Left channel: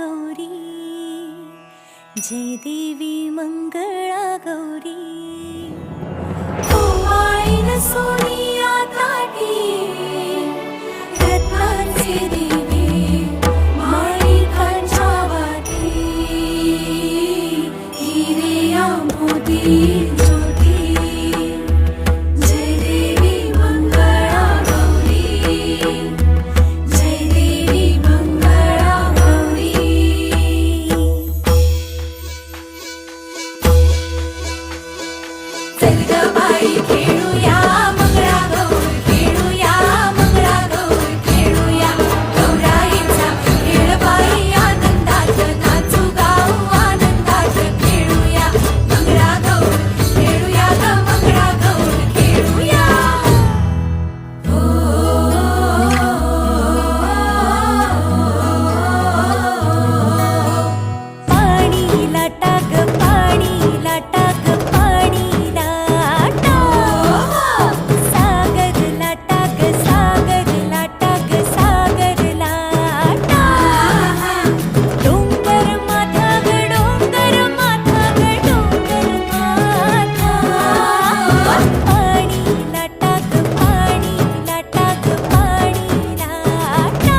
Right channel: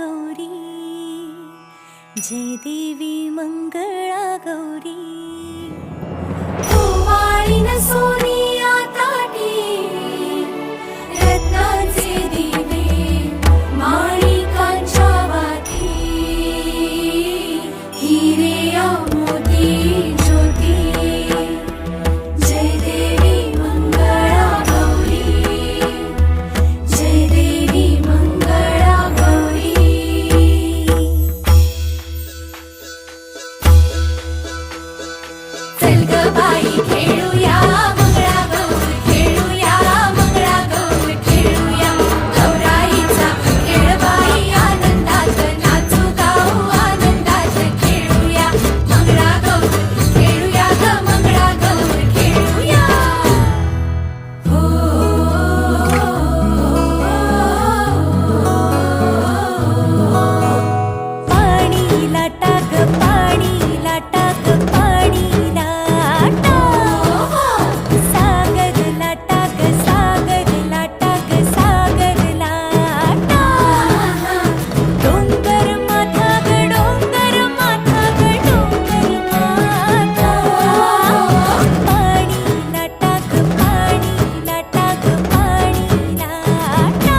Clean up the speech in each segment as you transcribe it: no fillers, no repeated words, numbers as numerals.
गौरी, जय देवी मंगळा गौरी. ओवाळीन सोनिया ताटी, रत्नांचे दिवे माणिकांच्या वाती, हिरे मोती ज्योती. जय देवी मंगळा गौरी, जय देवी मंगळा गौरी. चल ग बाई खेळूया मंगळागौर, खेळूया मंगळागौर, खेळूया गौराईचा खेळ बाई. आनंदात नाचू गाऊ, आनंदात खेळूया मंगळागौर, खेळूया ग मंगळागौर, खेळूया. पाणी लाटा ग पाणी लाटा ग पाणी लाटा, सागर लाटा ग सागर लाटा ग सागर लाटा. डोंगर माथा ग डोंगर माथा ग डोंगर माथा, पाणी लाटा ग पाणी लाटा ग पाणी लाटा.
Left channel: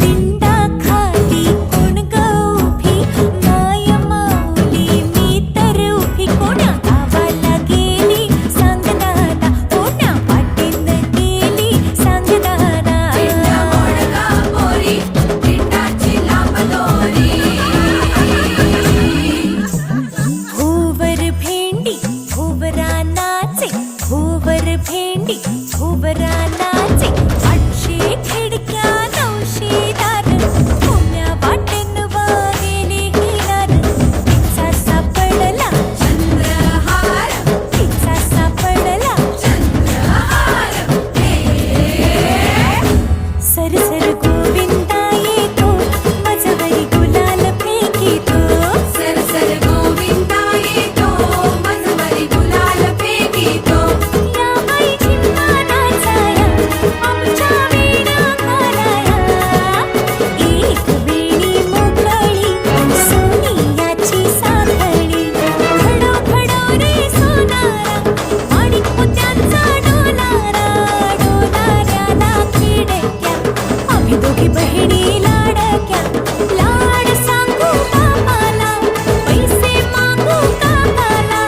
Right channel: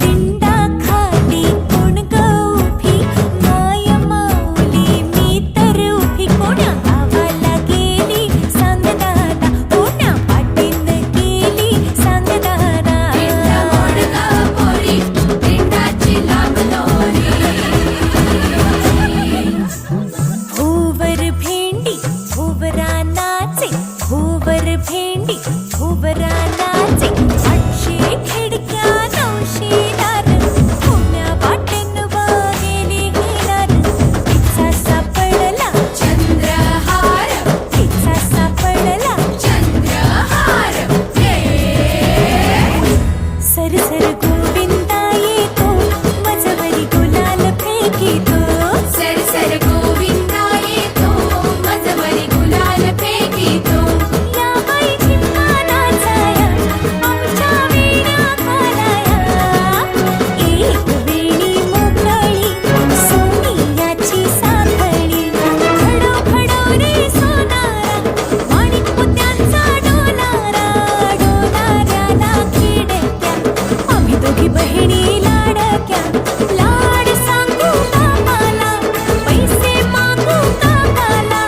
दिंडा खाली कोण ग उभी, माय माऊली मी तर उभी. कोण्या गावाला गेली सांग दादा, कोण्या वाटेन गेली सांग दादा. भोवर भेंडी भोवरा नाचे, भोवर भेंडी भोवरा नाचे. 800 खिडक्या 900 दार, कोण्या वाटेन गेली हिलार. तिचा सापडला चंद्रहार, तिचा सापडला चंद्रहार. सर सर गोविंदा येतो, मजवरी गुलाल फेकीतो. सर सर गोविंदा येतो, मजवरी गुलाल फेकीतो. या बाई झिम्मा नाचाया, आमच्या वेण्या घालाया. एक वेणी मोकळी सोनियाची साखळी, खडो खडो रे सोनारा, माणिक मोत्यांचा डोलारा. डोलाऱ्याला खिडक्या, आम्ही दोघी बहिणी लाडक्या. लाड सांगू बापाला, पैसे मागू काकाला.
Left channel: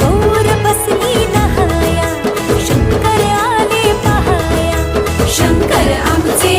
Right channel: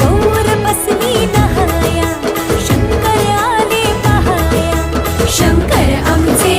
गौर बसली नहाया, शंकर आले पहाया. शंकर आमचे